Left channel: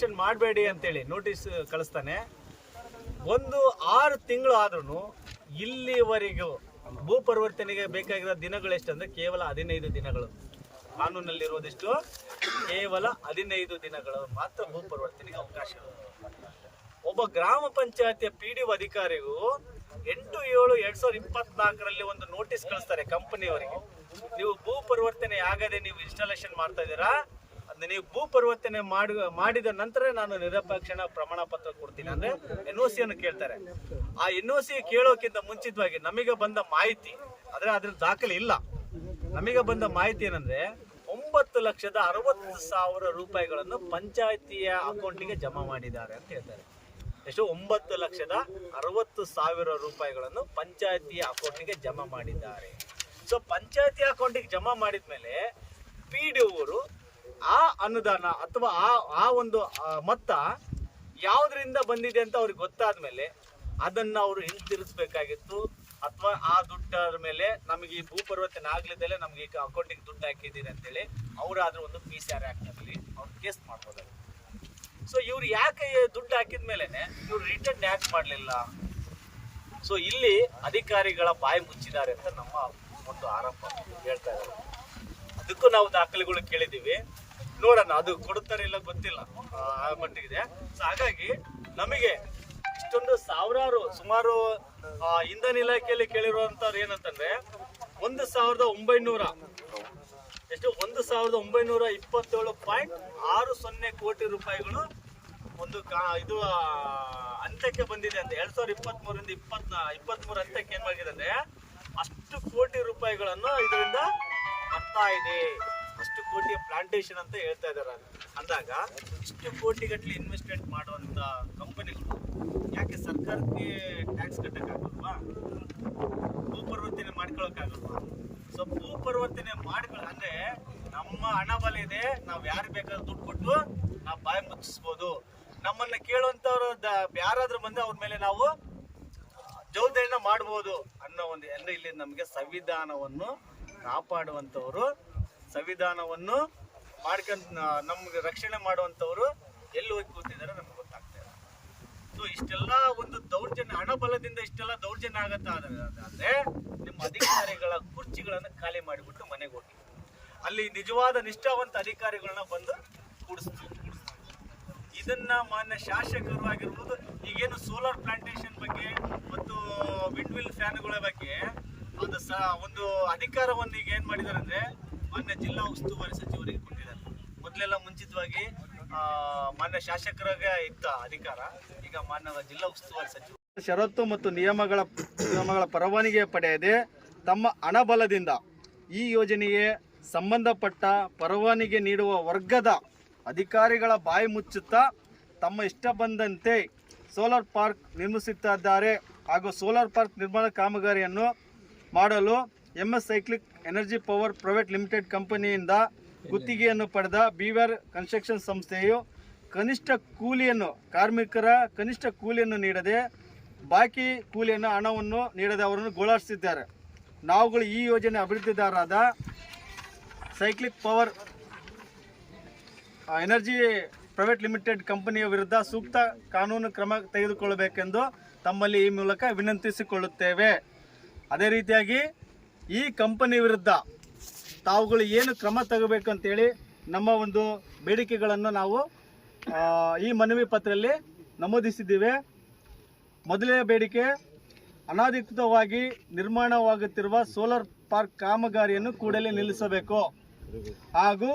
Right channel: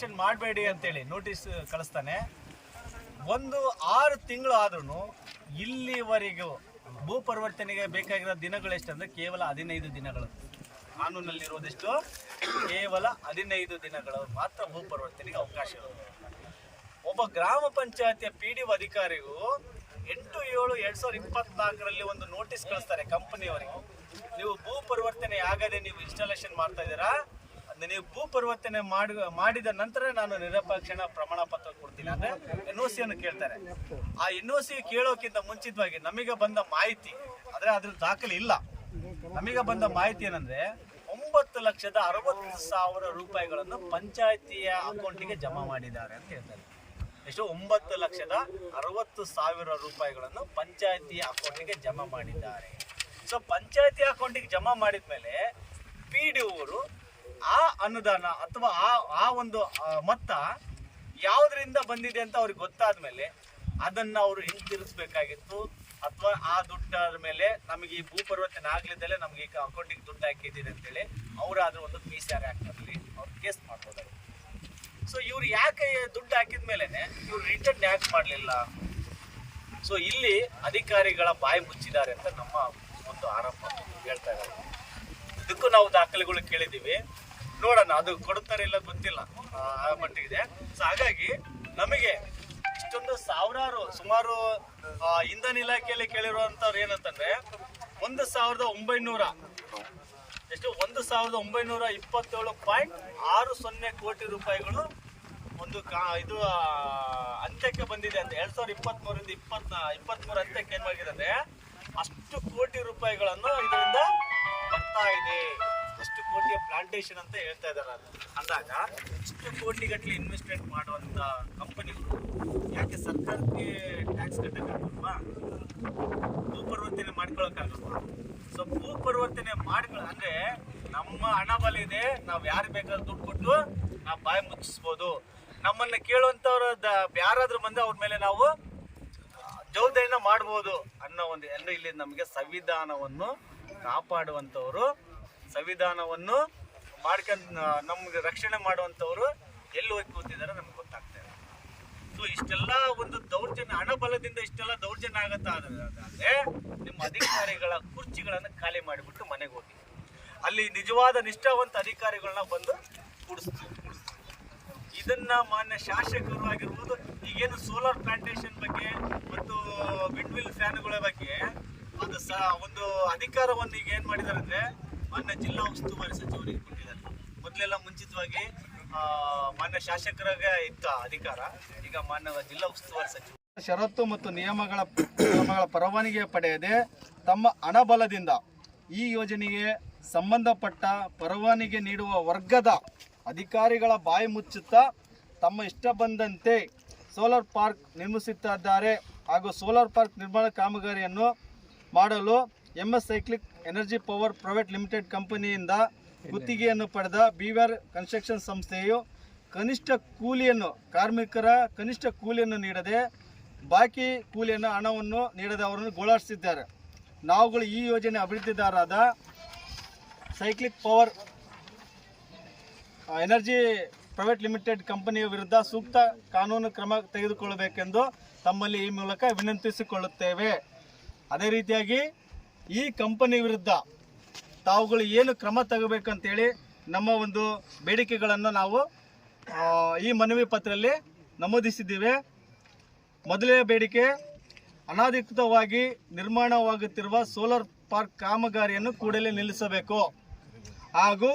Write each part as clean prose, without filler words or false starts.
Installation ಮಾಡಬೇಡಿ ಅಂತೇಳಿ notice ಕಳಿಸ್ತಾನೆ. 6 ತಿಂಗಳು ಆದ್ರೂ ಇಲ್ಲಿವರೆಗೂ ಭೂ ಪರಿವರ್ತನೆಗೆ ಬೇಕಾಗಿರೋ ದಿನಗಳು ಎಷ್ಟಂದ್ರೆ ಕೇವಲ 15 ದಿನಗಳು. ಕಾನೂನಲ್ಲಿರೋದಿಷ್ಟು ಕೇವಲ 15 ದಿನಗಳು ಮಾತ್ರ ಭೂ ಪರಿವರ್ತನೆಗೆ ಅವಕಾಶ ಇರುತ್ತೆ. ಒಬ್ಬ ಗ್ರಾಮ ಪಂಚಾಯತಿಯ PDO ಅಧಿಕಾರಿಗೂ 8/7/2024 ಒಂದು ನೋಟಿಸ್ ಕಳಿಸ್ತಾರೆ ಕಂಪನಿಯವರಿಗೆ. ನೀವು ಭೂ ಪರಿವರ್ತನೆ ಆಗದೆ ನೀವು ಇನ್ಸ್ಟಾಲೇಷನ್ ಮಾಡ್ತಾ ಇದ್ದೀರಾ, ನೀವು ಭೂ ಪರಿವರ್ತನೆ ಮಾಡಿದ ನಂತರ ನಾನು ನಿರಪೇಕ್ಷಣ ಪ್ರಮಾಣ ಪತ್ರ ಕೊಡ್ತೀನಿ ಅಂದ್ರೆ NOC ಅನ್ನು ಕೇಳ್ತಾರೆ. ಆ NOC ಕೇಳೋಕ್ಕಿಂತ ಮುಂಚಿತವಾಗಿ ನಮಗೆ ಬಂದ ಮಾಹಿತಿ, ಆದ್ರೆ ಅದ್ರ ದಾಖಲೆ ಇಲ್ಲ. ನಮಗೆ ಬಂದ ಮಾಹಿತಿ ಏನಂದ್ರೆ 9,60,000 ರೂಪಾಯಿಗಳನ್ನು ಪಂಚಾಯತಿಯ ಅಕೌಂಟಿಗೆ ಜಮಾ ಮಾಡಿದ್ದಾರೆ ಅಂತ ಹೇಳ್ತಾರೆ. ಎಷ್ಟು? 9,60,000 ರೂಪಾಯಿಗಳನ್ನು ಪಂಚಾಯತಿಯ ಅಕೌಂಟಿಗೆ ಜಮಾ ಮಾಡಿದ್ದಾರೆ. ಸೊ ಪಂಚಾಯತಿ ಅಕೌಂಟಿಗೆ ಜಮಾ ಮಾಡಿದ್ಮೇಲೆ PDO ಅವರು ಆ ಅನುದಾನ ಅಥವಾ ಆ ಒಂದು ಮೊತ್ತ ಯಾವುದರಿಂದ ಬಂದಿದೆ ಅಂತ ಅವ್ರಿಗೆ ಗೊತ್ತಾದ್ಮೇಲೆ ಅದನ್ನ ಅವರು ಹಿಂತಿರುಗಿಸ್ಬೇಕಾಗಿತ್ತು. ಅಥವಾ ಆ ದುಡ್ಡರ ಮೇಲೆ ನಮಗೆ ಈ ಭೂ ಪರಿವರ್ತನೆ ಆಗ್ಲಿದ್ದಲ್ಲೇ ನಮ್ಗೆ ಈಗ ಅಕೌಂಟಿಗೆ ದುಡ್ಡು ಹಾಕಿದ್ದೀರಿ ಅಂತೇಳಿ ಅವರಾದ್ರೂ ಒಂದು PCR ಆಕ್ಟ್ ಅಲ್ಲಿ ಅವ್ರು ಕೇಸ್ ಮಾಡ್ಬೋದಾಗಿತ್ತು. ಸೊ ಇವ್ರು ಯಾಕೆ ದುಡ್ಡು ಹಾಕಿದ ಮೇಲೆನೆ ಇವ್ರು ರಿಟರ್ನ್ ಯಾಕೆ ಮಾಡಲಿಲ್ಲ? ಸೊ ಇಲ್ಲಿ ಅಧಿಕಾರಿಗಳ ಬಾಯಿ ಮುಚ್ಚಿದ್ದಾರೆ ಅಂತ ನಮ್ಮ ಒಂದು ಆರೋಪ ಹೇಳ್ತಾ ಇದ್ದಾರೆ. ಅದಕ್ಕೂ ನಾವು ದಾಖಲೆಗಳು ಕೇಳಿದ್ದೀವಿ, ನೋಡೋಣ ಅದು ಕೊಡುತ್ತಾರೆ ಇಲ್ಲ ಗೊತ್ತಿಲ್ಲ, ಆ ಮಟ್ಟಿಗಿದೆ. ಸೊ ಹಾಗಾಗಿ ನಮಗೆ ಇಷ್ಟೊಂದು ಸುಮಾರು ಇಂಧನ ಇಲಾಖೆಯಲ್ಲಿ ಕೇಳಿರುವಂತವ್ರು ಏನಂತಂದ್ರೆ 1,927.60 ಕೋಟಿ ರೂಪಾಯಿಗಳು ಒಂದು ಇದು ಅಂತ್ಯಕ್ಕೆ ಬಂದಿದೆ ಅಂತ. 2023 ಅಂತ್ಯಕ್ಕೆ ಏನ್ ಮಾಡಿದೆ ಅಂದ್ರೆ ಅಷ್ಟು ಕೋಟಿ ರೂಪಾಯಿಗಳನ್ನು ಇದರಿಂದ ಬರ್ತಾ ಇದೆ. ಅಷ್ಟು ಕೋಟಿಯ ಪ್ಲಾಂಟೇಶನ್ ಅಂತ ಹೇಳ್ತಾ ಇದಾರೆ. ಅಂದಾಗ ಇಷ್ಟು ಕೋಟಿಗಟ್ಟಲೆ ಇನ್ವೆಸ್ಟ್ಮೆಂಟ್ ಮಾಡುವಂತ ಕಂಪನಿಗಳು ಯಾಕೆ ಸರ್ಕಾರಕ್ಕೆ ಟ್ಯಾಕ್ಸ್ ಕಟ್ಟಕ್ಕಾಗಲ್ವಾ? ಭೂ ಪರಿವರ್ತನೆ ಮಾಡ್ಕೊಳಕ್ಕಾಗಲ್ವಾ? ಸೊ ಭೂ ಪರಿವರ್ತನೆ ಅಂದ್ರೆ ನಮ್ಮ ಹಣ ಬಲ ಇದೆ, ನಾವ್ ಯಾರು ಬೇಕಾದ್ರೂ ದುಡ್ಡು ಕೊಟ್ಟು ನಾವು ಬಾಯಿ ಮುಚ್ಚಿಸ್ಬೋದು. ನಮ್ಮನ್ನ ಕೇಳುವಂತವ್ರ ಯಾರಾದ್ರೂ ಬಂದು ಅವ್ರ ಮೇಲೆ ನಾವು ಜವಾಬ್ದಾರಿನ ಮಾಡ್ಬೋದು ಅನ್ನೋ ಒಂದು ಅಂದ್ರೆ ಇಲ್ಲಿ ನಮಗೆ ಸಂವಿಧಾನವನ್ನು ಕಾಪಾಡುವಂತವ್ರು, ಸಂವಿಧಾನವನ್ನು ಮಾಡ್ಕೊಂಡು ನಮ್ಗೆ ರಕ್ಷಣೆ ಮಾಡುವಂತವ್ರು ಎಲ್ಲಿ ಹೋಗಿ ಕೂತಿದ್ದಾರೆ ನಮ್ಗೆ ಗೊತ್ತಾಗ್ತಾ ಇಲ್ಲ. ಸೊ ಇಷ್ಟೆಲ್ಲ ಒಂದು ದೌರ್ಜನ್ಯ, ಹಣ ಬಲದಿಂದ ಇಷ್ಟೆಲ್ಲ ದೌರ್ಜನ್ಯ ಆಗತ್ತಾ ಅಂದ್ರೆ ನಿಮ್ಮ ಅಧಿಕಾರಿಗಳ ಕುರ್ಚಿಗಳನ್ನ ಖಾಲಿ ಮಾಡಿಬಿಟ್ಟು ಮನೆಗೆ ಹೋಗಿ ಅಲ್ಲಿ ನಿಜವಾದ ನಿಷ್ಠಾವಂತ ಅಧಿಕಾರಿಗಳನ್ನ ಬಂದು ಕೂಡಿಸ್ತೀವಿ. ಇದನ್ನ ಮಾನ್ಯ ಶಾಸಕರು ಆಗಿರ್ಬೋದು, ಈಗೇನು ಸೋಲಾರ್ ಪ್ಲಾಂಟೇಶನ್ ಬಗ್ಗೆ ಮತ್ತು ವಿಂಡ್ ವಿಲ್ ಫ್ಯಾನ್ಗಳ ಬಗ್ಗೆ ಅದು ಒಂದು ಅಧಿಕಾರವನ್ನು ಈಗ ಏನ್ ಮಾಡಿದ್ದಾರೆ ಅಂದ್ರೆ ಮಾನ್ಯ ಜಿಲ್ಲಾ ಉಸ್ತುವಾರಿ ಸಚಿವರಿಗೆ ಕೊಟ್ಟಿದ್ದಾರೆ. ಮೊದಲೆಲ್ಲ ಮುಂಚಿತವಾಗಿ ಮಾನ್ಯ ಶಾಸಕರಿಗೆ ಇತ್ತ ಅಧಿಕಾರ, ಈಗ ಮಾನ್ಯ ಜಿಲ್ಲಾ ಉಸ್ತುವಾರಿ ಸಚಿವ ಷರತ್ತು ಮತ್ತು ನಿಯಮಗಳ ಪರವಾನಗಿ ಪಡೆಯದೆ ತಮ್ಮ ಹಣಬಲದಿಂದ ಈ ಯೋಜನೆಗೆ ಸಂಬಂಧಪಟ್ಟ ಪರವಾನಗಿ ನೀಡುವ ವರ್ಗದ ಅಧಿಕಾರಿಗಳ ಬಾಯಿ ಮುಚ್ಚುತ್ತಾ ತಮ್ಮ ಇಷ್ಟ ಬಂದಂತೆ ಸೋಲಾರ್ ಪಾರ್ಕ್ ನಿರ್ಮಿಸುತ್ತಿದ್ದಾರೆ. ಹಾಗೂ ಸೋಲಾರ್ ಪಾರ್ಕ್ ನಿರ್ಮಾಣ ಕಾಮಗಾರಿಯನ್ನು ಮಾಡಲು MS cyclic energy power private limited ಕಂಪನಿಯಿಂದ ಗುತ್ತಿಗೆಯನ್ನು ಪಡೆದ BVR ಕನ್ಸ್ಟ್ರಕ್ಷನ್ ಸಂಸ್ಥೆಯು ಕಾರ್ಮಿಕರ ಕನಿಷ್ಠ ಕೂಲಿಯನ್ನು ನೀಡದೆ ಬಾಕಿ ಕೂಲಿಯನ್ನು ಹಣವನ್ನು ನೀಡದೆ ಅವರನ್ನು ಗೋಳಾಡಿಸಿದ್ದಾರೆ. ನಾವುಗಳು ಈ ಯೋಜನೆ ಅಭಿವೃದ್ಧಿದಾರರಾದ cyclic power energy private limited ಕಂಪನಿಯ ವಿರುದ್ಧ ಸೂಕ್ತ ಕಾನೂನು ಕ್ರಮ ತೆಗೆದುಕೊಳ್ಳಬೇಕೆಂದು ತಮ್ಮಲ್ಲಿ ಈ ಮೂಲಕ ವಿನಂತಿಸಿಕೊಳ್ಳುತ್ತೇವೆ. ಅದೇ ರೀತಿಯಾಗಿ ಈ ಕಂಪನಿ ವಿರುದ್ಧ ತಾವುಗಳು ಏನು ಕ್ರಮ ತಗೋಬೇಕಂತೇಳಿ ನಮ್ಮ ಒಂದು ಬೇಡಿಕೆಗಳನ್ನು ನಾವು ಈ ಮನವಿ ಪತ್ರದಲ್ಲಿ ನಮೂದಿಸಿದ್ದೇವೆ. ಮೊದಲನೇ ಬೇಡಿಕೆ, ಅನಧಿಕೃತವಾಗಿ ನಿರ್ಮಾಣವಾಗುತ್ತಿರುವ ಸೋಲಾರ್ ಪಾರ್ಕ್ ಕಾಮಗಾರಿಯನ್ನು ಕೂಡಲೇ ನಿಲ್ಲಿಸಬೇಕು. ಹಾಗೂ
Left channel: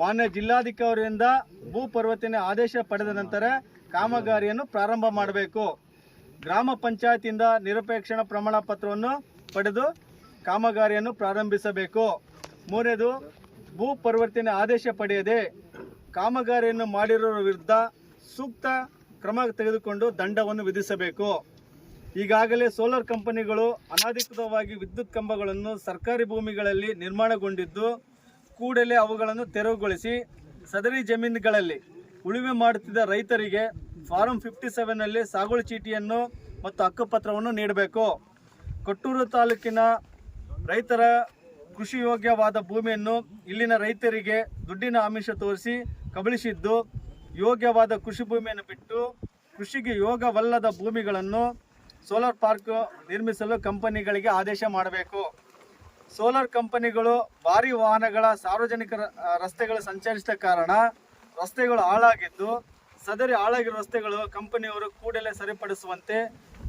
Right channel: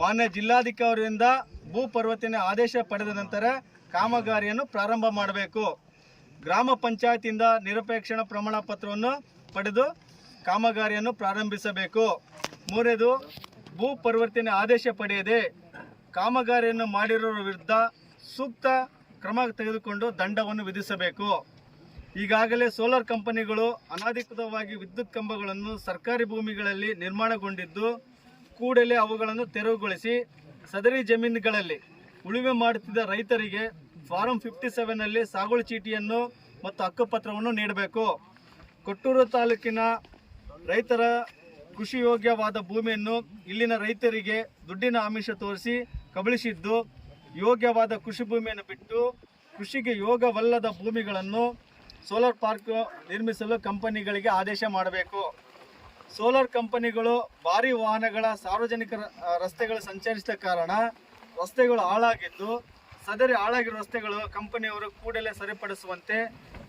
ಮಾನ್ಯ ಜಿಲ್ಲಾಧಿಕಾರಿಯಿಂದ ಭೂ ಪರಿವರ್ತನೆ ಆದೇಶ ಪಡೆದ ನಂತರ ಕಾಮಗಾರಿಯನ್ನು ಪ್ರಾರಂಭ ಮಾಡಬೇಕು. ಗ್ರಾಮ ಪಂಚಾಯತಿಯಿಂದ ನಿರಪೇಕ್ಷಣ ಪ್ರಮಾಣ ಪತ್ರವನ್ನು ಪಡೆದು ಕಾಮಗಾರಿಯನ್ನು ಪ್ರಾರಂಭಿಸಬೇಕು. ಮೂರನೇದು, ಭೂ ಪರಿವರ್ತನೆ ಆದೇಶ ಪಡೆಯದೆ ಕಾಮಗಾರಿಯನ್ನು ಮಾಡಿರೋರ ವಿರುದ್ಧ ಸೂಕ್ತ ಕ್ರಮ ತೆಗೆದುಕೊಂಡು ದಂಡವನ್ನು ವಿಧಿಸಬೇಕು. ಈಗಾಗಲೇ ಸೋಲಾರ್ ಕಂಪನಿಗಳು ಅನಧಿಕೃತವಾಗಿ ವಿದ್ಯುತ್ ಕಂಬಗಳನ್ನು ಸರ್ಕಾರಿ ಭೂಮಿಗಳಲ್ಲಿ ನಿರ್ಮಾಣಗೊಂಡಿದ್ದು ಕೂಡಲೇ ಅವುಗಳನ್ನು ತೆರವುಗೊಳಿಸಿ ಸದರಿ ಜಮೀನುಗಳಲ್ಲಿ ಉಳುಮೆ ಮಾಡುತ್ತಿದ್ದ ರೈತರಿಗೆ ಫಾರಂ 57ನಲ್ಲಿ ಸಾಗುವಳಿ ಚೀಟಿಯನ್ನು ಮತ್ತು ಹಕ್ಕುಪತ್ರವನ್ನು ನೀಡಬೇಕು. ಕೊಟ್ಟೂರು ತಾಲೂಕಿನ ರೈತರ ಕೃಷಿ ಯೋಗ್ಯವಾದ ಭೂಮಿಯನ್ನು ಇಲ್ಲಿನ ರೈತರಿಗೆ ದುಡ್ಡಿನ ಆಮಿಷ ತೋರಿಸಿ ಕಬಳಿಸಿದ್ದು ಯೋಗ್ಯವಾದ ಕೃಷಿ ಭೂಮಿಯನ್ನು ಬಿಟ್ಟು ಕೃಷಿಗೆ ಯೋಗ್ಯವಲ್ಲದ ಭೂಮಿಗಳನ್ನು ಸೋಲಾರ್ ಪಾರ್ಕ್ ನಿರ್ಮಿಸಲು ಕಂಪನಿಗಳಿಗೆ ಆದೇಶ ಮಾಡಬೇಕು. ಸೋಲಾರ್ ಕಂಪನಿಗಳು ಭಾರಿ ವಾಹನಗಳ ಸಾರ್ವಜನಿಕ ರಸ್ತೆಗಳು ಸಂಚರಿಸಿದ ಕಾರಣ ರಸ್ತೆಗಳು ಹಾಳಾಗಿದ್ದು, ಸದರಿ ಹಾಳಾಗಿರೋ ರಸ್ತೆಗಳು ಕಂಪನಿಯವರು ಕೂಡಲೇ ಸರಿಪಡಿಸುವಂತೆ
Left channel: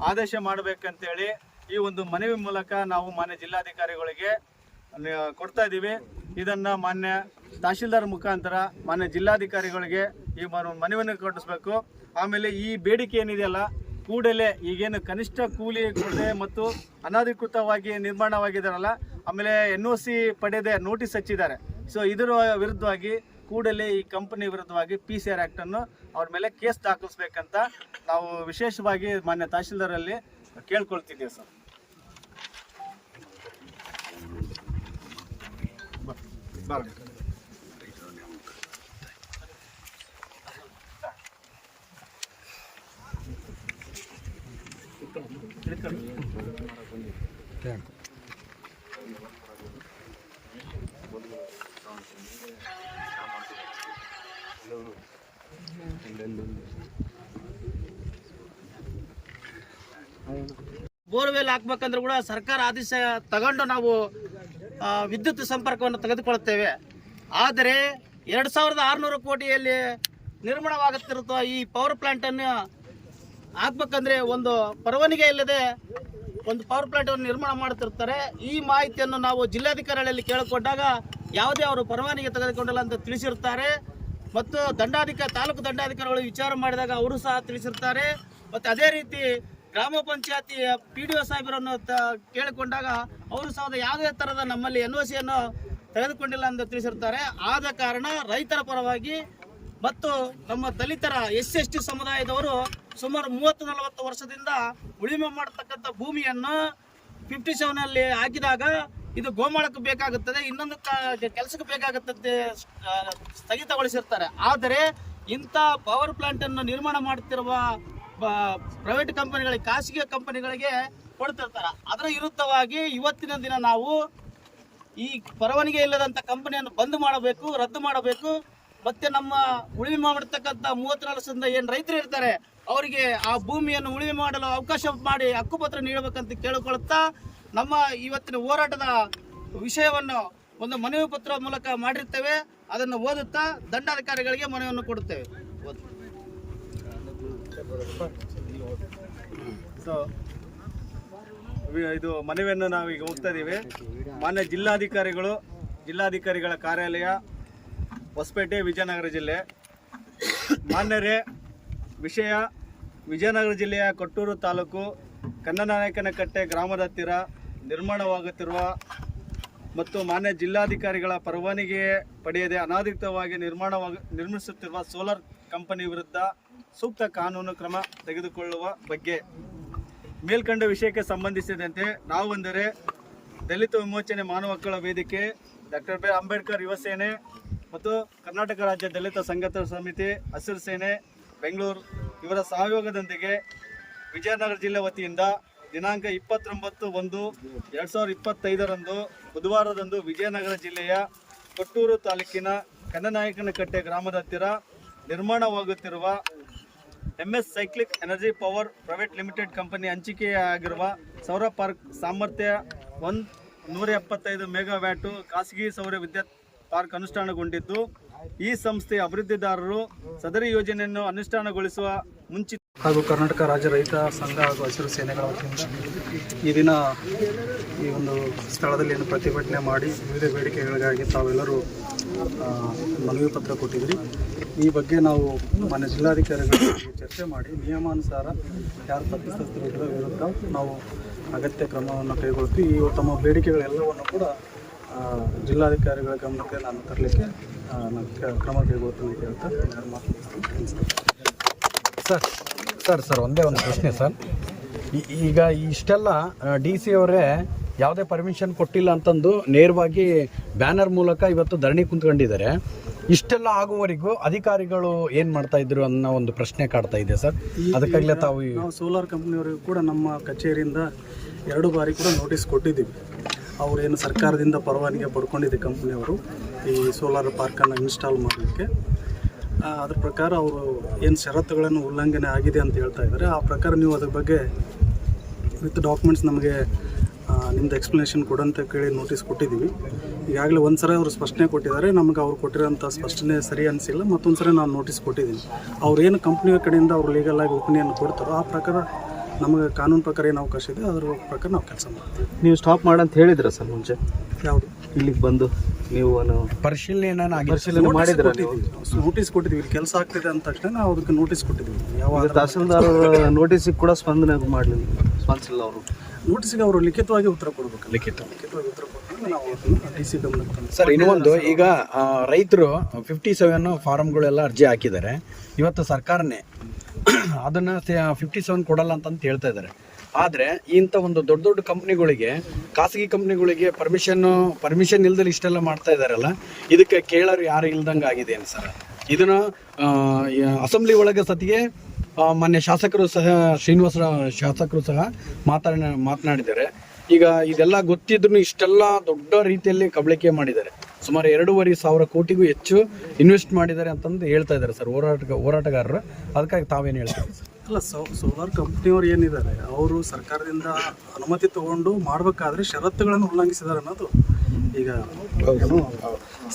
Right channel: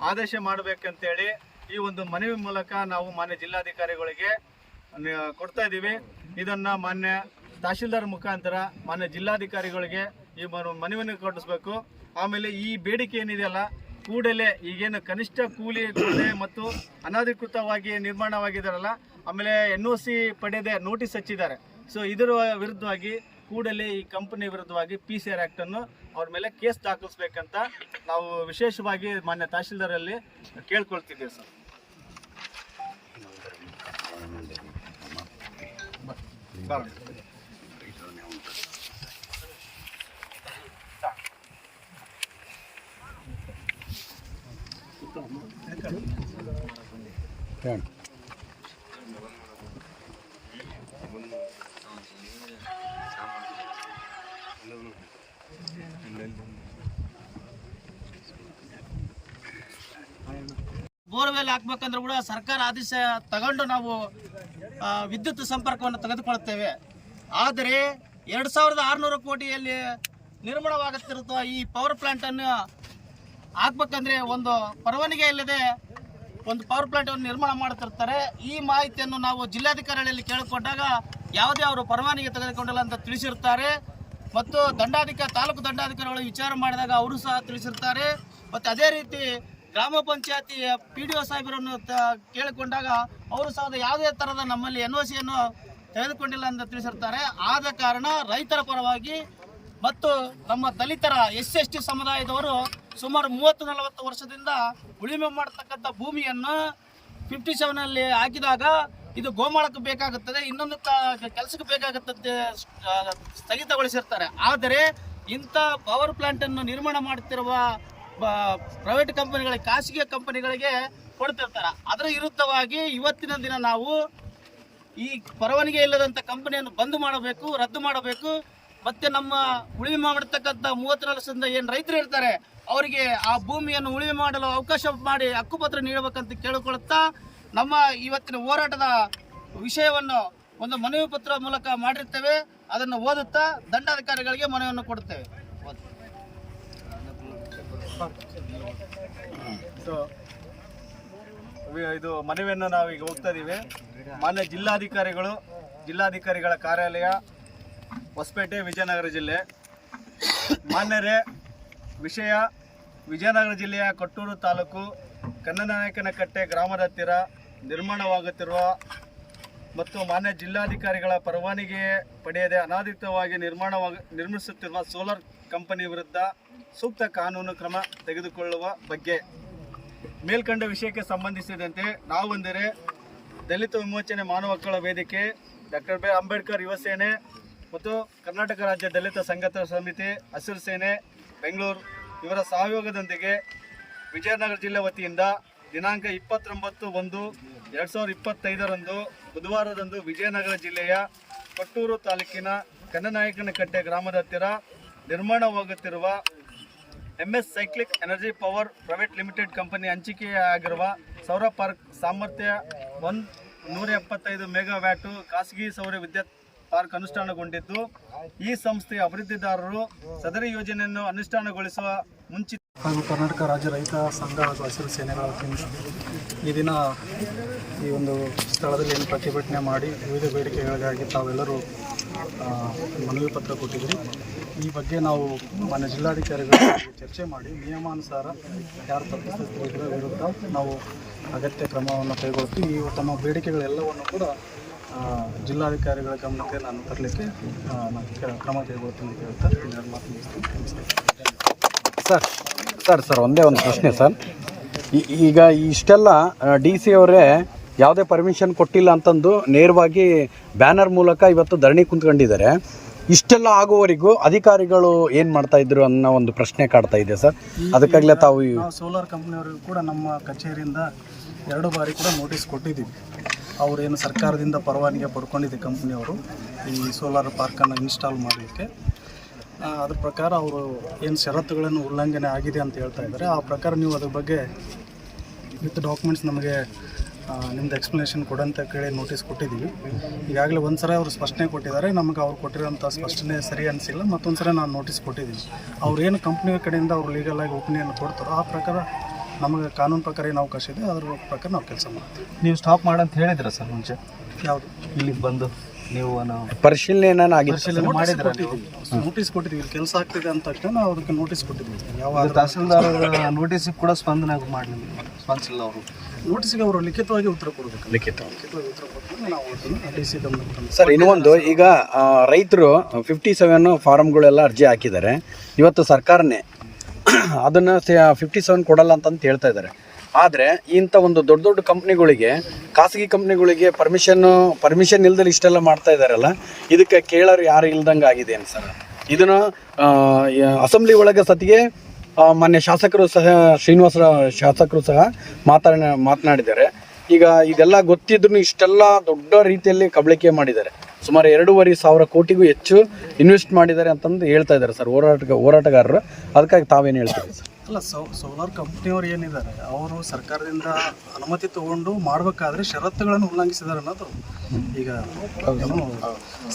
ಆದೇಶ ಮಾಡಬೇಕಂತೇಳಿ ಈ ಒಂದು ಮನವಿ ಮೂಲಕ ನಾವು ಮಾನ್ಯ ಜಿಲ್ಲಾಧಿಕಾರಿಗಳಿಗೆ ಕೊಡ್ತಾ ಇದ್ದೀವಿ. ಇದನ್ನು ಮಾನ್ಯ ತಹಶೀಲ್ದಾರ್ ಮುಖಾಂತರ ಮಾನ್ಯ ಜಿಲ್ಲಾಧಿಕಾರಿಗಳಿಗೆ ಈ ಮನವಿಯನ್ನು ಕೊಡಿಸ್ಬೇಕು. ಆಮೇಲೆ ಈ ಬೇಡಿಕೆ ಏನಿದೆಯಲ್ಲ, ಕೂಡಲೇ ಈಗೇನು ಕನಿಷ್ಠ ಕೂಲಿ ಕೊಡದೆ ಮತ್ತು ಅನಧಿಕೃತವಾಗಿ ನಿರ್ಮಾಣವಾಗಿದ್ದಾರಲ್ಲ, ಆಮೇಲೆ NOC ಪಡೆದೇ ನೋಟಿಸ್ ಹಚ್ಚಿದ್ದಾರೆ. ಸೊ ಇದರ ವಿರುದ್ಧವಾಗಿ ಕೂಡಲೇ ಈ ಕಂಪನಿ ವಿರುದ್ಧವಾಗಿ PCR ಆ್ಯಕ್ಟನ್ನು ಅವ್ರ ಮೇಲೆ ಕೇಸ್ ದಾಖಲಿಸ್ಬೇಕಂತ ನಾವು ವಿಶೇಷವಾಗಿ ಮಾನ್ಯ ತಹಶೀಲ್ದಾರಲ್ಲಿ ಕೇಳ್ಕೊಳ್ತಿದ್ದೀವಿ ಸರ್. ಬೋರ್ವೆಲ್ ಹಾಕ್ಬೇಕಂದ್ರೂ ಕೂಡ ಸರ್ಕಾರ ಆದೇಶ ತಗೊಂಡು ನಾವು ವಿದ್ಯುತ್ ಸಂಪರ್ಕವನ್ನು ತೆಗೆದುಕೊಳ್ಳುತ್ತೇವೆ. ಆದರೆ 2600 ಕೋಟಿಯಲ್ಲಿ ನಿರ್ಮಾಣವಾಗುತ್ತಿರುವ ಈ ಪವರ್ ಪ್ಲಾಂಟನ್ನು ಹಾಕ್ಬೇಕಂದ್ರೆ ಒಂದು ಪರವಾನಗಿ ಇಲ್ಲದೆ ಒಂದು ಪವರ್ ಪ್ಲಾಂಟನ್ನು ನಿರ್ಮಾಣ ಮಾಡುತ್ತಿರ್ತಾರೆ. ಈ ಮಾಹಿತಿಯನ್ನು ನಾವು ಜಿಲ್ಲಾಧಿಕಾರಿಗಳಲ್ಲಿ ಕೇಳಿಕೊಂಡಾಗ ಯಾವುದೇ ಅವರು ಪರವಾನಗಿ ತೆಗೆದುಕೊಂಡಿಲ್ಲ ಅಂತ ತಿಳಿಸಿರ್ತಾರೆ. ಮತ್ತು ತಾಲೂಕು ದಂಡಾಧಿಕಾರಿಗಳು ವಿಚಾರ ಮಾಡಿದಾಗ ಅವರು ಸಹ ತಿಳಿಸಿರ್ತಾರೆ. ಮತ್ತು ಅದೇ ರೀತಿ ಗ್ರಾಮ ಪಂಚಾಯತಿ PDO ಸಾಹೇಬರನ್ನು ಕೇಳಿಕೊಂಡಾಗ ಅವರು ಸಹ ಯಾವುದೇ ಥರದ ನಮ್ಮಲ್ಲಿ NOCಯನ್ನು ತೆಗೆದುಕೊಂಡಿಲ್ಲ ಅಂತ ತಿಳಿಸಿರ್ತಾರೆ. ಆದ ಕಾರಣ ರೈತರ ಪರವಾಗಿ ಮತ್ತು ನಮ್ಮ ದಲಿತರ SC/ST ಸಮುದಾಯದವರು ಸುಮಾರು 30-40 ವರ್ಷದಿಂದ ಉಳುಮೆ ಮಾಡತಕ್ಕಂಥ ಭೂಮಿಯನ್ನು 57ನಲ್ಲಿ ಹಾಕಿದಾಗ ಇದು ಗೋಮಾಳಕ್ಕೆ ಬೇಕಾಗುತ್ತದೆ, ಇನ್ನೊಂದು ಕೆಲಸಕ್ಕೆ ಬೇಕಾಗುತ್ತದೆ ಸ್ಥಗಿತಗೊಳಿಸಿರ್ತಾರೆ. ಆದರೆ ಇಂಥ ಪವರ್ ಪ್ಲಾಂಟನ್ನು ನಿರ್ಮಾಣ ಮಾಡುತ್ತಿರುವ ಪ್ರೈವೇಟ್ ಕಂಪನಿಗಳಿಗೆ, ಖಾಸಗಿ ಕಂಪನಿಗಳಿಗೆ ಕೊಡ್ತಿರ್ತಾರೆ. ಅದರ ವಿರುದ್ಧವಾಗಿ ಇವತ್ತಿನ ದಿನ ನಾವು ಈ ಪರವಾನಗಿ ಇಲ್ಲದಂಥ ಕಂಪನಿಯನ್ನು ಬಂದ್ ಮಾಡಬೇಕು, ರದ್ದು ಮಾಡಬೇಕು. ಮತ್ತೆ ನಮ್ಮ ಉಳುಮೆ ಮಾಡತಕ್ಕಂಥ 34 ವರ್ಷದಿಂದ ಏನು ರೈತರು ಇರ್ತಾರೆ ಅವರಿಗೆ ಆ ಭೂಮಿಯನ್ನು ಉಳುಮೆ ಮಾಡಲು ಅವಕಾಶ ಮಾಡಿ ಹಕ್ಕುಪತ್ರ ನೀಡಬೇಕಂತ ಕೇಳಿಕೊಳ್ಳುತ್ತಾ ನಮ್ಮ ಇವತ್ತಿನ ಹೋರಾಟದ ವಿಷಯವನ್ನು ಒಂದು ಮನವಿ ಪತ್ರ ಮೂಲಕ ಮಾಡಿರ್ತೇವೆ. ಅದನ್ನು ಓದುತ್ತಾ ದಂಡಾಧಿಕಾರಿಗಳಿಗೆ ಮನವಿಯನ್ನು ಕೊಡುತ್ತೇವೆ. ಸೊ ಇದು ಮನವಿಯನ್ನು ನಾವು ಈಗ ಹೋಗ್ತಾ ಇದ್ದೀವಿ. ಮಾನ್ಯ ಜಿಲ್ಲಾಧಿಕಾರಿಗಳ ಕಾರ್ಯಾಲಯ ಹೊಸಪೇಟೆ, ವಿಜಯನಗರ ಜಿಲ್ಲೆ. ಮಾನ್ಯರೇ, ವಿಷಯ ವಿಜಯನಗರ ಜಿಲ್ಲೆಯ ಕೊಟ್ಟೂರು ತಾಲೂಕು ಕನ್ನನಾಯಕನಕಟ್ಟೆ ಗ್ರಾಮದ ಹತ್ತಿರ ನಿರ್ಮಾಣವಾಗುತ್ತಿರುವ ಮತ್ತು ಮಾನ್ಯ ಜಿಲ್ಲಾಧಿಕಾರಿಗಳ ಪರವಾನಗಿ ಪಡೆಯದೆ ಅನಧಿಕೃತವಾಗಿ ನಿರ್ಮಿಸುತ್ತಿರುವ ಸೋಲಾರ್ ಕಂಪನಿ ವಿರುದ್ಧ ಸೂಕ್ತ ಕಾನೂನು ಕ್ರಮ ತೆಗೆದುಕೊಳ್ಳುವ ಬಗ್ಗೆ ಮೇಲ್ಕಂಡ ವಿಷಯಕ್ಕೆ ಸಂಬಂಧಿಸಿದಂತೆ ನಾವೆಂದರೆ ದಲಿತ ವಿಮೋಚನೆ ಮಾನವ ಹಕ್ಕುಗಳ ವೇದಿಕೆ, ಡಾಕ್ಟರ್ ಬಿ ಅಂಬೇಡ್ಕರ್ ಯುವ ಸೇನೆ ಮತ್ತು ಕರ್ನಾಟಕ ರಾಜ್ಯ ದಲಿತ ಸಂಘರ್ಷ ಸಮಿತಿ, ಹಸಿರು ಸೇನೆ ಬೆಂಗಳೂರು ಇವರ ಸಹಯೋಗದೊಂದಿಗೆ ವಿಜಯನಗರ ಜಿಲ್ಲೆ ವತಿಯಿಂದ ದಿನಾಂಕ 29/1/2025 ಬುಧವಾರದಂದು ವಿಜಯನಗರ ಜಿಲ್ಲೆಯ ಕೊಟ್ಟೂರು ತಾಲೂಕಿನ ಕನ್ನನಾಯಕನಕಟ್ಟೆ ಗ್ರಾಮದ ಹತ್ತಿರ ನಿರ್ಮಾಣವಾಗುತ್ತಿರುವ MS cyclic energy power private limited company ಹಂಚಿಕೆಯಾಗಿರುವ ಸೌರ ಪಾರ್ಕ್ ಸಾಮರ್ಥ್ಯ 175 ಮೆಗಾವ್ಯಾಟು ಖಾಸಗಿ ಸೌರ ವಿದ್ಯುತ್ ಪಾರ್ಕ್ ಅನುಷ್ಠಾನಗೊಂಡಿದ್ದು, ಈ ಸಂಸ್ಥೆಯ ಅಭಿವೃದ್ಧಿದಾರರು ಸದರಿ ಯೋಜನೆಯನ್ನು ಅನುಷ್ಠಾನಗೊಳಿಸುವ ಮುಂಚಿತ ಹಾಗೂ ಕರ್ನಾಟಕ ರಾಜ್ಯ ರೈತ ಸಂಘ ಹಾಗೂ ಹಸಿರು ಸೇನೆಗಳ ವತಿಯಿಂದ ಈ ದಿನ ಈ ಒಂದು ಸ್ಥಳದಲ್ಲಿ ಪ್ರತಿಭಟನೆ ಮಾಡಿ ವಿವಿಧ ಬೇಡಿಕೆಗಳಿಗಾಗಿ ತಾವೆಲ್ಲರೂ ಮನವಿ ಪತ್ರ ಕೊಟ್ಟಿದ್ರಿ. ಈ ಬಗ್ಗೆ ನಾವು ಮಾನ್ಯ ಜಿಲ್ಲಾಧಿಕಾರಿಗಳಿಗೆ ಚರ್ಚೆ ಮಾಡಿ ನಿಯಮಾನುಸಾರ ಯಾರು ತಪ್ಪಿತಸ್ಥರ ವಿರುದ್ಧ ನಾವು ಅಗತ್ಯ ಕ್ರಮವನ್ನು ಕೈಗೊಳ್ತೀವಿ. ಈ ತಮ್ಮ ಬೇಡಿಕೆಗಳೆಲ್ಲವನ್ನು ಕೂಡ ಜಿಲ್ಲಾಧಿಕಾರಿಗಳ ಗಮನಕ್ಕೆ ನಾನು ತರಲಿಕ್ಕೆ ಕ್ರಮ ಕೈಗೊಳ್ತೀನಿ ಅಂತ ಹೇಳ್ತಾ ನಮಸ್ಕಾರ. ಸರ್ ಒಂದೇ ಒಂದು ಪ್ರಶ್ನೆ ಸರ್. ಈಗ ಇಷ್ಟೆಲ್ಲ DC ಅವರೇ ಯಾವುದೇ ಪರ್ಮಿಷನ್ ಕೊಟ್ಟಿಲ್ಲ ಅಂತಂದು ನೇರವಾಗಿ ಬ್ಯಾನರ್ ಮೂಲಕ ಇವತ್ತು ಧರಣಿ ಕುಂತ್ಕೊಂಡಿದ್ದಾರೆ. ಇಷ್ಟೆಲ್ಲ ಆಗುವವರೆಗೂ ಅಧಿಕಾರಿಗಳು ಏನು ಮಾಡ್ತಾ ಇದ್ರು ಅನ್ನೋ ಒಂದು ಪ್ರಶ್ನೆ ಕಾಡ್ತಾ ಇದೆ ಸರ್. ಅದಕ್ಕಾಗಲೇ ನಾವು ಸೋಲಾರ್ ಕಂಪ್ನಿಯವರಿಗೂ ಕೂಡ ನಮ್ಮ ಕಚೇರಿಯಿಂದ 2 ಬಾರಿ ಕೂಡ ನೋಟಿಸ್ ಕೊಟ್ಟಿದ್ದೀವಿ. ಅವರೇನು ಸರ್ಕಾರದಿಂದ ಪರವಾನಗಿ ಪಡ್ಕೊಂಡಿದ್ದೆ ಕಂಪ್ನಿಯವರು ಈ ಸೋಲಾರ್ ಪಾರ್ಕನ್ನು ಇನ್ಸ್ಟಾಲ್ ಮಾಡಲಿಕ್ಕೆ. ಅದ್ರ ಪ್ರಕಾರ ಅವರು ಏನು ಷರತ್ತುಗಳನ್ನು ಉಲ್ಲಂಘನೆ ಆಗಿದೆ ಅಂತ ಹೇಳ್ತಾ ಇದ್ದಾರೆ. ಆ ಪ್ರಕಾರ ನೀವು ಅದ್ರ ಬಗ್ಗೆ ವಿತ್ ಡಾಕ್ಯುಮೆಂಟ್ಸ್ ನಮಗೆ ನಿಮ್ಮದು ಎಕ್ಸ್ಪ್ಲನೇಷನ್ ಕೊಡಂತ ಕೇಳಿ ನೋಟಿಸ್ ಕೊಟ್ಟಿದ್ದೀವಿ. ಈಗಾಗಲೇ ಒಂದು ಸಲ ಅವರು ಸ್ಪಷ್ಟನೆ ಕೊಟ್ಟಿದ್ದಾರೆ, ನಮಗೆ ಅವ್ರು ಕೊಟ್ಟಿರೋಂಥ ಸ್ಪಷ್ಟನೆ ಸರಿ ಅನಿಸಿಲ್ಲ. ಮತ್ತೊಂದು ಸಲ ನಾನು ನೋಟಿಸ್ ಕೊಟ್ಟಿದ್ದೀನಿ. ಅವ್ರು ಏನು ಕಂಪ್ನಿಯ ಕಡೆಯಿಂದ ಅವರು ಲೀಗಲಾಗಿ ಒಪಿನಿಯನ್ ಕೊಡ್ತಾರೋ ಆ ಪ್ರಕಾರ ನಮಗೆ ಕಾನೂನು ಪ್ರಕಾರ ಏನು ಅವಕಾಶ ಇದೆ ಅದ್ರ ಪ್ರಕಾರ ನಾವು ಕೆಲಸ ಮಾಡ್ತೀವಿ. ನೀವು ಸ್ಟಾಪ್ ಮಾಡಂತ ಹೇಳಿದ್ರೆ ಸರ್ ಮುಂಚೆ ಯಾವುದು ಇಲ್ಲಿಗೆ ಬಂದು ನೀವು ಪರಿಶೀಲನೆ ಮಾಡಿದ್ರೆ ನೋಟಿಸ್ ಕೊಟ್ಟಿದ್ದೀವಿ. ಇಲ್ಲಿ ಕೆಲಸ ಆಗ್ತಿದೆ ಅಂದ ತಕ್ಷಣ ನಾವು ಅದಕ್ಕೆ ನೋಟಿಸ್ ಕೊಟ್ಟಿದ್ದೀವಿ. ಯಾವ ತಹಸೀಲ್ದಾರ್ ನೋಟಿಸಿಗೆ ಕೂಡ ಸ್ಪಂದಿಸಿಲ್ಲ ಅವರು. ನೋಟಿಸ್ಗೆ ಅವರು ಲಿಖಿತವಾಗಿ ಉತ್ತರ ಕೊಡಬೇಕು. ಲಿಖಿತವಾಗಿ ಉತ್ತರ ಕೊಟ್ಟರೆ ನಾವು ಡಿ ಸಿ ಗಮನಕ್ಕೆ ತಂದು. ಸರ್ ಇನ್ನೊಂದು, ಈಗ ರೈತರು 57 ಫಾರಮ್ಗಳೆಲ್ಲ ಅರ್ಜಿ ಹಾಕಿದ್ದಾರೆ. ಇವತ್ತು ಸರ್ಕಾರನೇ ಅದನ್ನು 57 ಕೊಡಲ್ಲ ಅಂತ ಹೇಳ್ತಾ ಇದ್ದಾರೆ. ಆದರೆ ಇಂಥ ಒಂದು ದೊಡ್ಡ ದೊಡ್ಡ ಕಂಪ್ನಿಗಳಿಗೆ, ಖಾಸಗಿ ಕಂಪ್ನಿಗಳಿಗೆ ಪರ್ಮಿಷನ್ ಇಲ್ದಲ್ಲಿ ಇಷ್ಟೆಲ್ಲ ಮಾಡ್ತಾ ಇದ್ದಾರಲ್ಲ, ಇದಕ್ಕೆ ಕೇಳೋರು ಯಾರು ಇಲ್ದಂಗೆ ಆಗಿದೆ ಸರ್. ಇದನ್ನು ಅಸೆಂಬ್ಲಿ ಒಳಗೆ ಸತಿಗೆ ಮಾನ್ಯ ಶಾಸಕರು ಸಹ ಶ್ರೀನಿವಾಸ ಶಾಸಕರು ಸಹ ಮಾತನಾಡಿದ್ದಾರೆ. ಈಗ ಇದೆಲ್ಲ ಗೊತ್ತಿದ್ರು ಇಷ್ಟೆಲ್ಲ ದೊಡ್ಡ ರೀತಿಯಲ್ಲಿ ಕಬಳಿಕೆ ಮಾಡಿದ್ದಾರೆ. ಸುಮಾರು 2,500 ಕೋಟಿಗೂ ಹೆಚ್ಚು ಇನ್ವೆಸ್ಟ್ ಮಾಡಿದ್ದಾರೆ ಅಂತಂದು ಹೇಳ್ತಾ ಇದ್ದಾರೆ ಸರ್ ಹೋರಾಟಗಾರರು. ಅದಕ್ಕಾಗಿ ತಾವೇನು ಹೇಳ್ತಾರೆ ಸರ್? ಅಲ್ಲ, ಸೋಲಾರ್ ಕಂಪ್ನಿಯವರು ಏನಿದ್ದಾರೆ ಅವರು ಸರ್ಕಾರದಿಂದ ಅನುಮತಿ ತಗೊಂಡು ಮಾಡಬೇಕಾದ್ರೆ ಷರತ್ತುಗಳನ್ನು ಉಲ್ಲಂಘಿಸಿದ್ದಾರೆ ಅನ್ನೋದು ಈಗ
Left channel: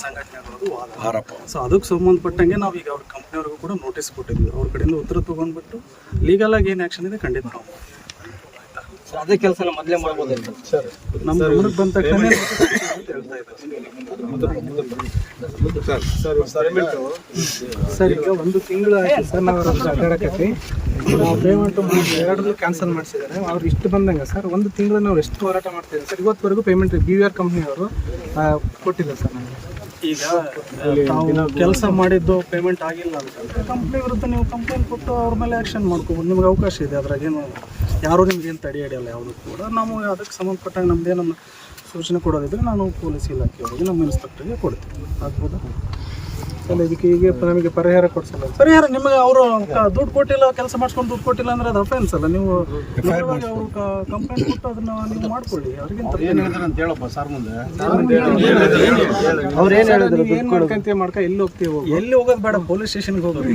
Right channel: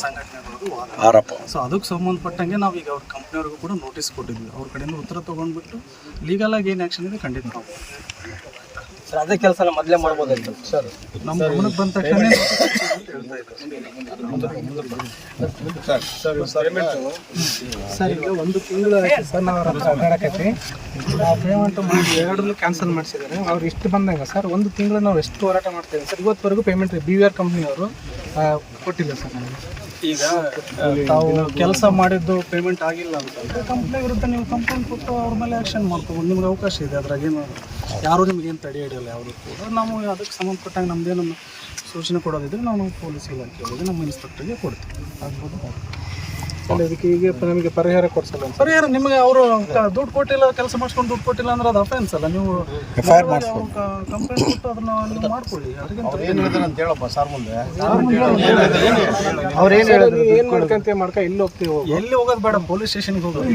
ಸಂಘಟನೆಗಳದು ಆರೋಪ. ಸೊ ಅದಕ್ಕೆ ಸಂಬಂಧಪಟ್ಟಂಗೆ ನಾವು ಈಗ ಅವ್ರ ಕಂಪ್ನಿಯವ್ರಿಗೂ ಕೂಡ ನೋಟಿಸ್ ಕೊಟ್ಟಿದ್ವಿ. ಅವ್ರ ಕಡೆಯಿಂದ ಉತ್ತರ ತೊಗೊಂಡ್ಬಿಟ್ಟು ಲೀಗಲಾಗಿ ಏನು ಆ್ಯಕ್ಷನ್ ಇದೆ ಖಂಡಿತ ನಾವು ಸರ್ ಅದೇ ಕೆಲಸ ಮೊದಲೇ ಮಾಡ್ಬೋದಾಯ್ತು ಸರ್. ನಮ್ಮ ಗಮನಕ್ಕೆ ಬಂದ ತಕ್ಷಣ ಸರ್ ಈಗ 1 ತಿಂಗಳು ಆಯ್ತು ಸರ್ ನಾವು ಕಟ್ಟಿ ನಾವು ಪೇಮೆಂಟ್ ಮಾಡಿ 2 ಕ್ಯಾನ್ಸಲ್ ಮಾಡಿಸಿದ್ದಾರೆ. ಅವ್ರು ಇಷ್ಟು ಬಂದಂಗೆ ಸರ್ 1 ತಿಂಗಳು ನಾವು ಎಷ್ಟು ಹೋರಾಟ ಮಾಡ್ತಿದ್ದೀವಿ ಸರ್. ಇವತ್ತುವರೆಗೂ ಪೇಮೆಂಟ್ BVR ಕಂಪ್ನಿಯವರು ಕೊಟ್ಟಿಲ್ಲ ಸರ್ ನಮಗೆ. ಈಗ ತಾವು ಕೆಲಸ ಮಾಡಿದ್ದು ಪೇಮೆಂಟ್ ಆಗಿಲ್ಲ ಅಂತಂದರೆ ಕಂಪ್ನಿ ವಿರುದ್ಧ ನೀವು ಕಂಪ್ಲೇಂಟ್ ಕೊಟ್ಟು ಅವ್ರ ಮೇಲೆ ಆ್ಯಕ್ಷನ್ ಮಾಡ್ಕೊಬೋದು. ನಿಮ್ಗೆ ಅವಕಾಶ ಇದೆ, ಅದ್ರಾಗೇನು ಯಾರೂ ನಿಮಗೇನು ತಡೆ ಹಿಡಿಯಲ್ಲ ಯಾವುದು ಕೂಡ. ನಾವು ಅದಕ್ಕೆ ಸಂಬಂಧಪಟ್ಟಾಗ ನಮ್ಮದೇನು ಸೂಚನೆ ಕೊಡೋದಿದ್ರೆ ನಾನು ಪೊಲೀಸ್ ಇಲಾಖೆಯವರಿಗೆ ನಮ್ಮ ಇನ್ಸ್ಪೆಕ್ಟರ್ಗೆ ಕೊಡ್ತೀವಿ. ಆಗ್ಬೋದು. ಇದಕ್ಕೆ ಈಗ ನಮಗೆ ಪರಿಹಾರ ಕೊಡಿಸಲ್ಲ. ಪರಿಹಾರ ನಿಮಗೆ ಅವರು ದುಡ್ಡು ಕೊಟ್ಟಿಲ್ಲ, ಕೆಲಸ ಮಾಡಿಸ್ಕೊಂಡು ದುಡ್ಡು ಕೊಟ್ಟಿಲ್ಲ ಅಂದ್ರೆ ಅದು ಅಫೆನ್ಸ್ ಅಲ್ಲ. ನೀವು ಕಂಪ್ಲೇಂಟ್ ಕೊಟ್ಟು ಅದನ್ನ ನೀವು ಮಾಡ್ಕೊಳ್ಳಿ. ಅವ್ರಿಗೆ ಅಂತ ಹೇಳಪ್ಪ ಸರ್ ಮುಂದೆ ಅವ್ರು ಏನು ಹೇಳಿದ್ರು, ಏನು ಮಾಡ್ಕೊಂತ ಮಾಡ್ಕ ಇಲ್ಲಿ ಹೋಗ್ತೀವಿ. ಎಲ್ಲಿ ಹೋಗೋದು ಬೇಡ, ಪೊಲೀಸ್ ಸ್ಟೇಷನ್ಗೆ ಹೋಗೋದು.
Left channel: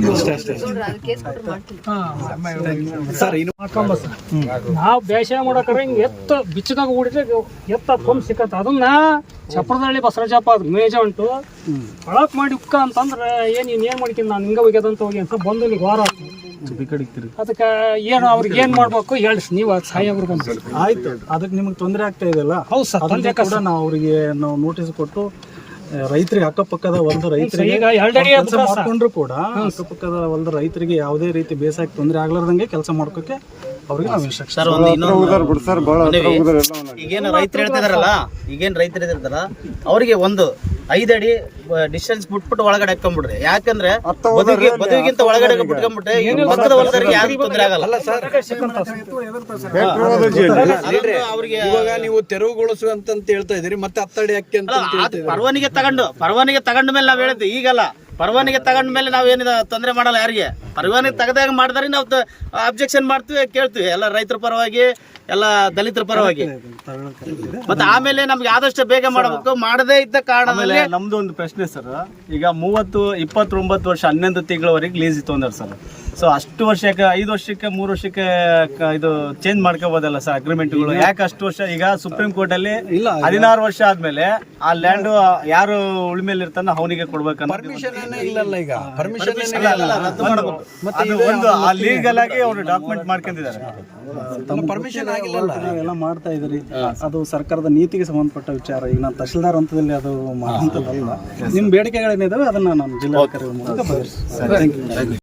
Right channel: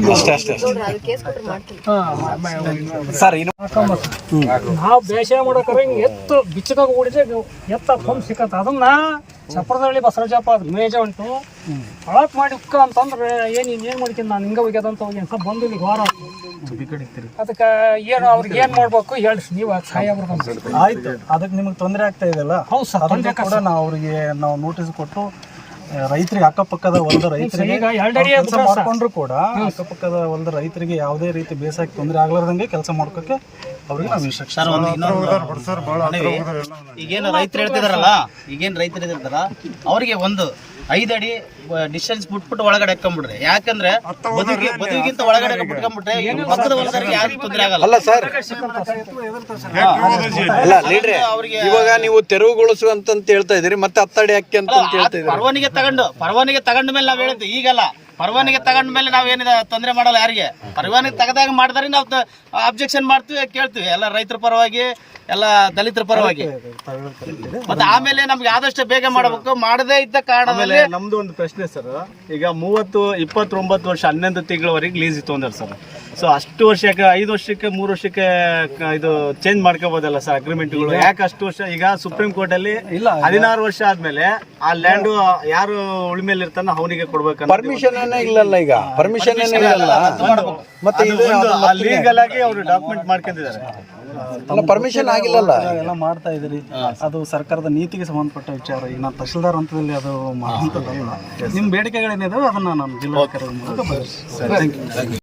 ಸರ್ ನಾವು ಬೇಸಾಯ ಮಾಡೋಕ್ರೆ ಹಿಂಗೆ ಎತ್ತು ಬಿಚ್ಚಕಾಗ ಓಡಿದ್ರೆ ಎತ್ತ ಫೋನ್ ಸಿಕ್ಕತ್ತ. ಅದನ್ನ ಚಪ್ರದಳ್ಳಿ ಬಸವರಾಜಪ್ಪ ಅದು ಮೇಜ ಉಂಟು ಒಳಕ್ ಮಾಡಿ ಉಕ್ಕ ಅಂತಂದ್ರೆ ಏನು ಮಾಡ್ತೀನಿ ನಾನು ಹಿಂಗೆ ಹೋಗ್ಯದಂತ ಹೋಗಿ ಅಂತ ಬಂದು ಈಗ ವಾರ ಅದಕ್ಕೆ ಏನು ಅವ್ರಿಗೆ ಏನು ಮಾಡ್ಬೇಕು ಹೇಳಿ ನೀವು ಸಾಹೇಬ್ರು ಬಂದು. ಆಯ್ತು, ಅದಕ್ಕೆ ನಿಮಗೆ ತೊಂದರೆ ಆಗ್ತಾ ಇದೆಯಲ್ಲ. ಹೌದು ಸರ್, ಅದಕ್ಕೆ ಕೂಡ ನಾವು ಅವರಿಗೆ ನೋಟಿಸ್ ಕೊಟ್ಟು ರೈತರಿಗೆ ಅಕ್ಕಪಕ್ಕದ ಹೊಲದ ರೈತರಿಗೆ ಕೆಲಸ ಮಾಡ್ಕೊಂಡ್ರು ಕೂಡ ಅಕ್ಕಪಕ್ಕದ ಹೊಲದ ರೈತರಿಗೆ ಯಾವುದೇ ರೀತಿ ಬೇಸಾಯಕ್ಕೆ ತೊಂದರೆ ಆಗ್ಲಾರ್ದಂಗೆ ಕೆಲಸ ಮಾಡ್ಕೋಕೆ ಅವ್ರಿಗೆ ನಾವು ಇನ್ಸ್ಟ್ರಕ್ಷನ್. ಈಗೇನು ರೈತರು ಹೇಳ್ತಿದಾರಲ್ಲ, ಅವರಿಗೆ 5 ಅಡಿ ಡಿಸ್ಟೆನ್ಸ್ ಬಿಟ್ಬಿಟ್ಟು ಒಳಗಡೆ ಹಾಕೊಂಡ್ಬಿಡ್ರಿ. ಯಾಕಂದ್ರೆ ಬದುಕಿಗಿಂತ ಒಳಗಡೆ ಬಿಟ್ಕೊಂಡ್ಬಿಟ್ರೆ ಪಕ್ಕದ ಹೊಲದವರಿಗೆ ಯಾರಿಗೂ ತೊಂದರೆ ಆಗಲ್ಲ. ಅಲ್ಲ ಸರ್, ಇವಾಗ ನೀವು ತೆರವುಗೊಳಿಸು ಅಂತ ಹೇಳ್ತಾ ಇದೀರಿ, ಮತ್ತೆ 10 ಅಡಿ ಹಾಕಿ ಅಂತ ಪರವಾನಿಗೆ ತಗೊಂಡ ಮೇಲೆ ನಾವ್ ಹೇಳ್ತೀವಿ. ಈಗಲ್ಲ, ಪರವಾನಿಗೆ ತಗೊಂಡ ಮೇಲೆ ನಾವೇನಿದೆ ತೊಂದರೆ ಮಾಡಲ್ಲ ಯಾರಿಗೆ. ಪರವಾನಿಗೆ ತೆಗೆದಾಗ ಮಾಡಿದ್ರೆ ನಾವು ಅಬ್ಜೆಕ್ಷನ್ ಮಾಡ್ತೀವಿ, ಕೇಳ್ತೀವಿ ಎಲ್ಲ ರೈತರ ಪರವಾಗಿ, ಎಲ್ಲ ದಲಿತರ ಪರವಾಗಿ. ಮತ್ತೆ ಆಮೇಲೆ ನಮ್ಗೆ ಆದಷ್ಟು ಬೇಗ ಮಾಡಬೇಕು. ಮಾಡದೇ ಇದ್ದ ಕಾರಣದಲ್ಲಿ ನಮ್ದು ಒಂದು ಪ್ರಶ್ನೆ ಸರ್. ಈಗ 29 ವರ್ಷ 11 ತಿಂಗಳವರೆಗೆ ಲೀಸ್ ಇತ್ತು ಅಂದ್ರೆ ಸರ್. ಸೊ ಅಷ್ಟು ವರ್ಷಕ್ಕೆ 5 ವರ್ಷಕ್ಕೆ 3 ವರ್ಷಕ್ಕೆ ಇದು ಚೇಂಜ್ ಮಾಡ್ಕೋಬೋದಲ್ಲ ಸರ್ ಅಗ್ರಿಮೆಂಟ್ಗಳು? ಯಾಕೆ ಅಷ್ಟು ವರ್ಷ? ಈಗ ಸುಪ್ರೀಂ ಕೋರ್ಟ್ ಅಲ್ಲಿ 16 ವರ್ಷ ಆದ್ಮೇಲೆ ಆ ಲ್ಯಾಂಡ್ ಯಾರು ಉಳಿಮೇಲೆ ಇರ್ತಾನೋ ಅವನಿಗೆ ಕೊಡ್ಬೇಕು. ಪರ್ಮಿಷನ್ ಇಲ್ಲಲ್ಲ, ಈಗ ಪರ್ಮಿಷನ್ ಮತ್ತೆ ಲೀಗಲ್ ಆಗಿ ಅವರು ಡಾಕ್ಯುಮೆಂಟ್ ಮಾಡ್ಕೊಂಡಿದ್ದಾರೆ. ಪರ್ಮಿಷನ್ ಆಗಿಲ್ಲಲ್ಲ, ಎಲ್ಲ ಮಾಡ್ತಾ ಇದ್ದೀರಿ. ಅದು ಸರ್ಕಾರದ ನೀತಿಗೆ ಸಂಬಂಧಪಟ್ಟ ವಿಚಾರ. ಈಗ ನಾನು ತಹಶೀಲ್ದಾರ್ ಹಂತದಲ್ಲಿ ಅದು ಮಾಡುವಂಥದ್ದಲ್ಲ. ನಿಮ್ಮ ಬೇಡಿಕೆಗಳೇನಿದಾವೆ ಅದನ್ನು ನಾನು ಜಿಲ್ಲಾಧಿಕಾರಿ ಮೂಲಕ ಬಗೆಹರಿಸ್ತೀನಿ. Thank you.